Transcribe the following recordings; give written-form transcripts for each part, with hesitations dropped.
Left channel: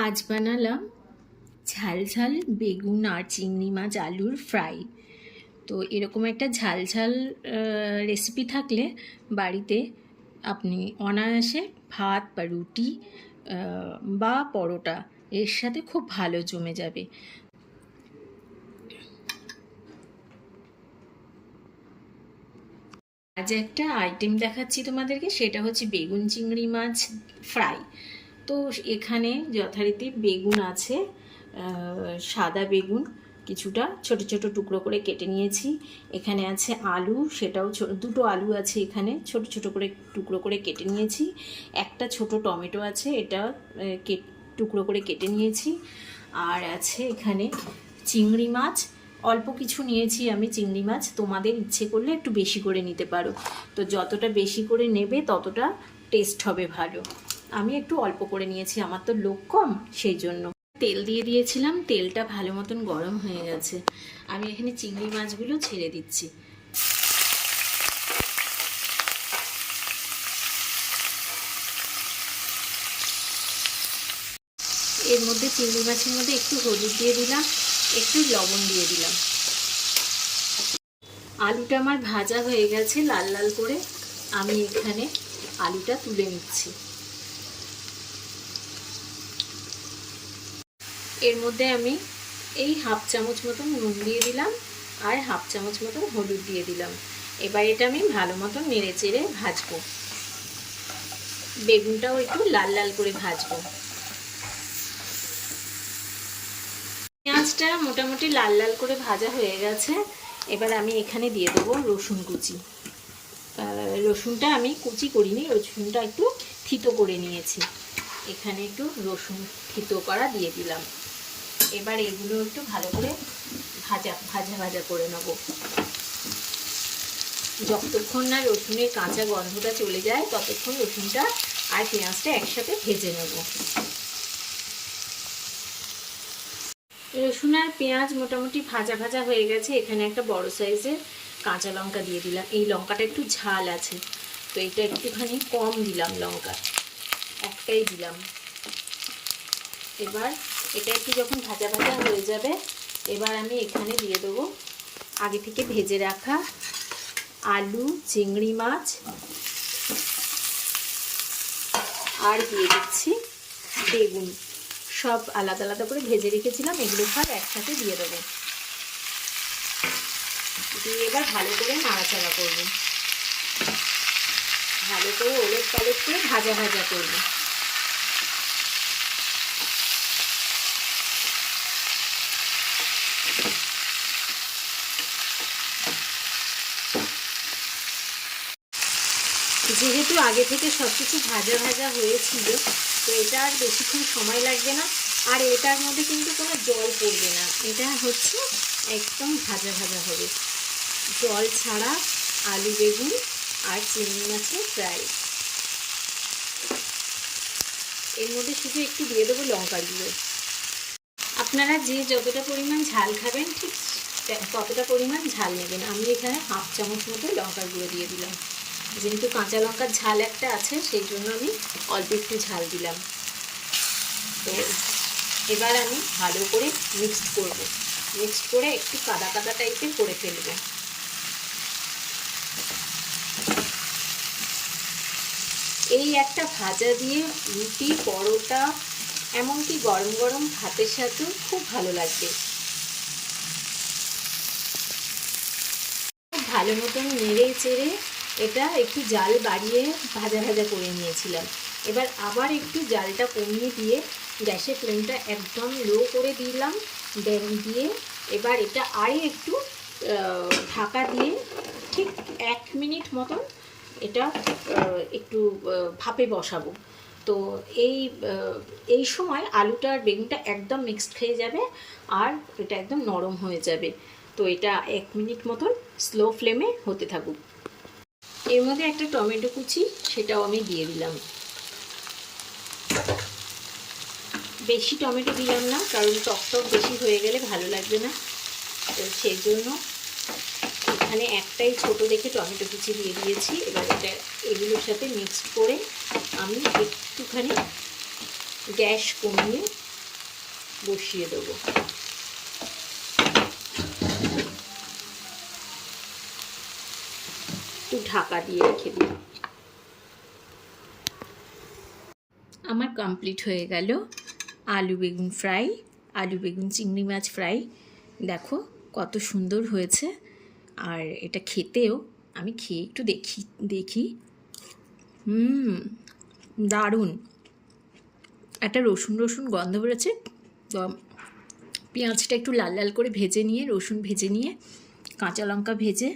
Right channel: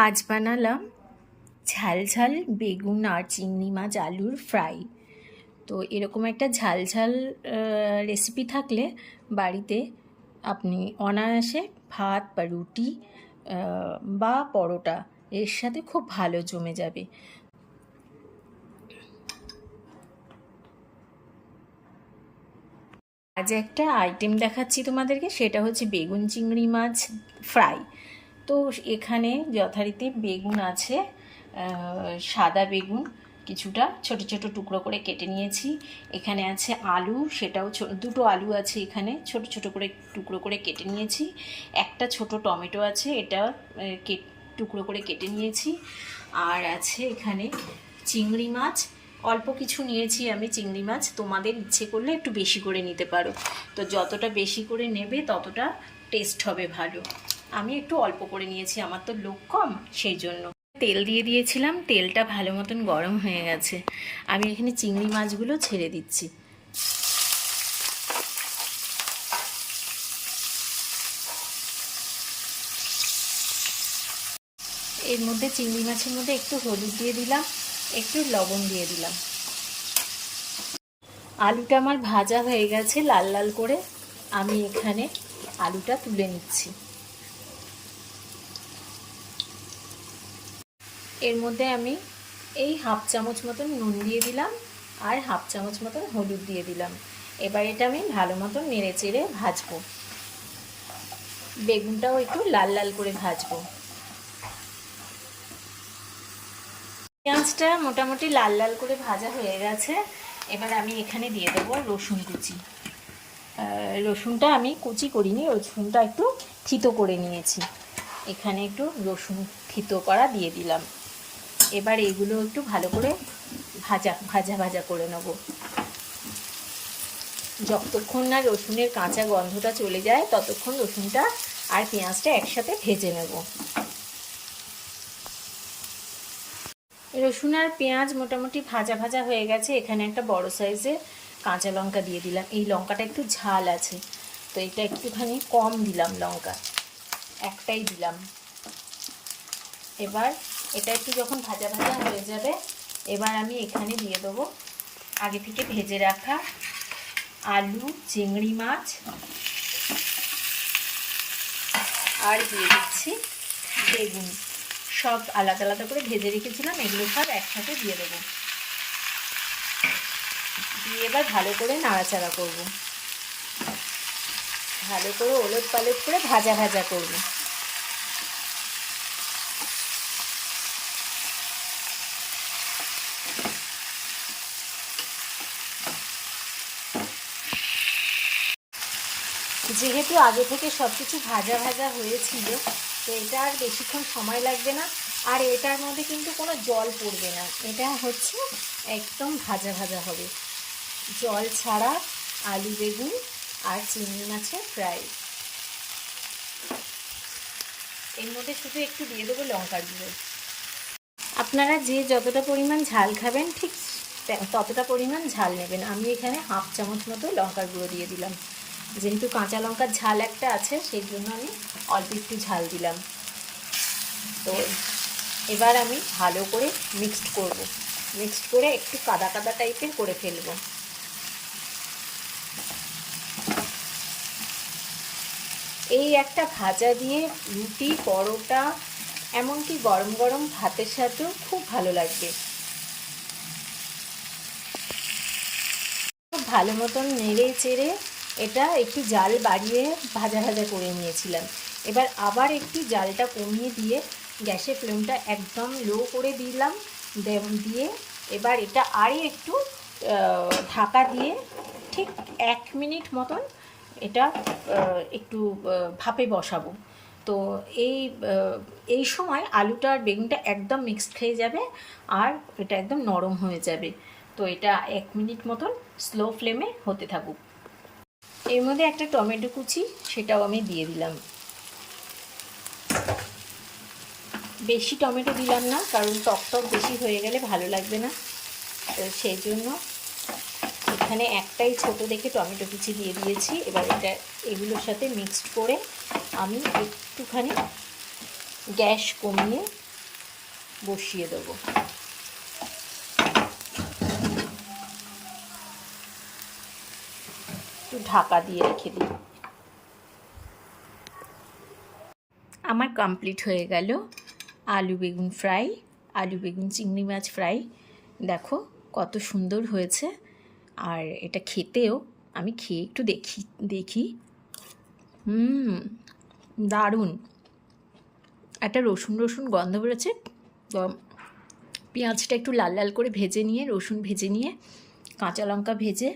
আজ বানালাম ঝাল ঝাল বেগুন আর চিংড়ি মাছ আলুর ফ্রাই। তো এরকম একটা ঝাল ঝাল রেসিপি থাকলে বাড়িতে আপনি অনায়াসে ভাত বা রুটি বা পরোটা এর সাথে খুব ভালো জমে যাবে। আজ একটা আইটেম দেখাচ্ছি তোমাদেরকে, সেটা হচ্ছে বেগুন চিংড়ি মাছ ফ্রাই। তো এখানে যথারীতি বেগুন আছে, সাদা বেগুন কিছুটা ছোট ছোট টুকরো করে কেটে নিয়েছি। এখানে আছে আলু, সেটাও দুটো আলু আছে এখানে, ছোট ছোট করে টুকরো করে কেটে নিয়েছি। একটা ছোট টমেটো আছে, এটা টুকরো করে কেটে নিয়েছি। আর আছে এখানে চিংড়ি মাছ, অল্প কিছু নিয়েছি আমি চিংড়ি মাছ। তোমাদের ইচ্ছে করলে একটু বেশি করে নিতে পারো, তো যতটা বেশি করে নেবে ততটা টেস্ট হবে ভালো। আমি একটু অল্প করে নিয়েছি, আমার তো লোক কম, সেই জন্য। তেল দিয়ে দিয়েছিলাম, তেলটা ভালো মতন গরম হয়ে গেছে। আমি এখানে চিংড়ি মাছগুলো ছেড়ে দিচ্ছি। এর মধ্যে চিংড়ি মাছের মধ্যে একটু হলুদ দিয়ে দিলাম, একটু লবণ দিয়ে দিলাম। আলুটা আমার ভাজা হয়ে গেছে লাল লাল করে। আমি এখানে আলুটা তুলে নিচ্ছি। এর মধ্যে আমি এই হাফ চামচ মতন নুন দিয়ে দিলাম আর হাফ চামচ মতন হলুদ দিয়ে দিলাম। এবার এটা আমি ভালো মতন নেড়ে চেড়ে ভাজবো। বেগুনটাও একটু লাল লাল করে ভাজবো। পেঁয়াজটা মোটামুটি লাল লাল করে ভাজা হয়ে গেছে। এবার আমি এখানে দিয়ে দেবো রসুন কুচি। রসুনটা আমি কুচি করিনি, রসুনটা একটু থিতো করে নিয়েছি। এখানে একটু রসুন থিতো করা দিয়ে দিলাম। এবার এগুলো একটু ভালো করে ভাজা ভাজা ভাজা করে নেব। যতক্ষণ না রসুনের কাঁচা গন্ধটা চলে যায় ততক্ষণ রসুনটা আর পেঁয়াজটা একসাথে ভেজে নেব। রসুন আর পেঁয়াজ মোটামুটি ভাজা ভাজা হয়ে গেছে। এখানে একটা বড় সাইজের কাঁচা লঙ্কা দিয়ে দিলাম। এই লঙ্কাটা একটু ঝাল আছে, তো এটা একটুখানি কম দিলাম লঙ্কা, একটাই দিলাম। এবার এটা একটু যখন ভাজা ভাজা হয়ে যাবে, এবার আমি এখানে দিয়ে দেবো আগে থেকে ভেজে রাখা আলু, চিংড়ি মাছ, আর দিয়ে দিচ্ছি বেগুন। সব আলাদা আলাদা করে ভেজে রেখেছিলাম, এগুলো সব একসাথে দিয়ে দেবো। দিয়ে এবার ভালো করে নাড়াচাড়া করব, ভালো করে ওলট পালট করে ভাজা ভাজা করব। যেহেতু আগে থেকে সব কিছু ভাজা ভাজা হয়েছিল, তো এটা আর বেশিক্ষণ সময় লাগবে না। আর এটার মধ্যে কিন্তু কোনো জল পড়বে না, এটা হচ্ছে একদম ভাজা ভাজা হবে, জল ছাড়া আলু বেগুন আর চিংড়ি মাছের ফ্রাই। এর মধ্যে শুধু একটু দিয়ে দেবো লঙ্কার গুঁড়ো। আপনারা যে যতটা পরিমাণ ঝাল খাবেন ঠিক ততটা পরিমাণ ঝাল নেবেন। আমি এখানে হাফ চামচ মতো লঙ্কার গুঁড়ো দিয়ে দিলাম। যেহেতু কাঁচা লঙ্কার ঝাল একটা আছে, সেই জন্য আমি অল্প একটু ঝাল দিলাম। তো এবার আমি ভালো করে মিক্সড করব, মিক্সড করে একটু কাদা কাদা টাইপের করে ফেলব। এই একটা ভাজা দিয়ে রুটি, পরোটা, এমনকি গরম গরম ভাতের সাথেও খুব ভালো লাগবে। খুব ভালো মতন নেড়ে চেড়ে এটা একটু জাল বাড়িয়ে ভাজা ভাজা করে নিয়েছিলাম। এবার আবার একটু জালটা কমিয়ে দিয়ে গ্যাসের ফ্লেমটা একদম লো করে দিলাম। দিয়ে এবার এটা আরও একটু ঢাকা দিয়ে ঠিক 1 মিনিট মতন এটা একটু ভাপে বসাবো। তো এই সময় আলুটা আর বেগুনটা একদম মিক্সড হয়ে যাবে আর এটা একদম নরম হয়ে যাবে। তো এটা 1 মিনিট মতন স্লো ফ্লেমে হতে থাকুক। এর মধ্যে একটা টমেটো কুচি, সেটাও আমি দিয়ে দিলাম। বেশি টমেটো দিলাম না, কারণ টক বেশি হয়ে গেলে ভালো লাগবে না, তো সেই জন্য এখানে একটাই ছোট দেখে টমেটো কুচি দিয়ে দিয়েছি। এবার এটা এগুলোর সাথে মিক্সড করে আমি একটুখানি গ্যাস কমিয়ে বসিয়ে দেবো। একটু ঢাকা দিয়ে রেখে দিই। আমার কমপ্লিট হয়ে গেল আলু বেগুন ফ্রাই, আলু বেগুন চিংড়ি মাছ ফ্রাই। দেখো কত সুন্দর হয়েছে। আর এটা খেতেও, আমি খেয়ে একটু দেখি দারুণ একটা রসুন রসুন গন্ধ বেরোচ্ছে। পেঁয়াজটা একটু লাল লাল করে ভেজে নিয়ে, রসুন ভেজে নিয়ে, কাঁচা লঙ্কা ভেজে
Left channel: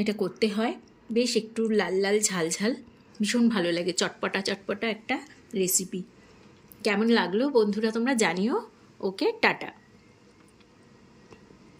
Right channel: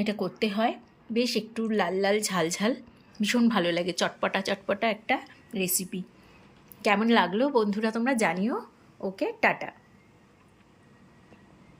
এটা করতে হয়। বেশ একটু লাল লাল ঝাল ঝাল, ভীষণ ভালো লাগে। চটপটা চটপটা একটা রেসিপি। কেমন লাগলো বন্ধুরা তোমরা জানিও। ওকে, টাটা।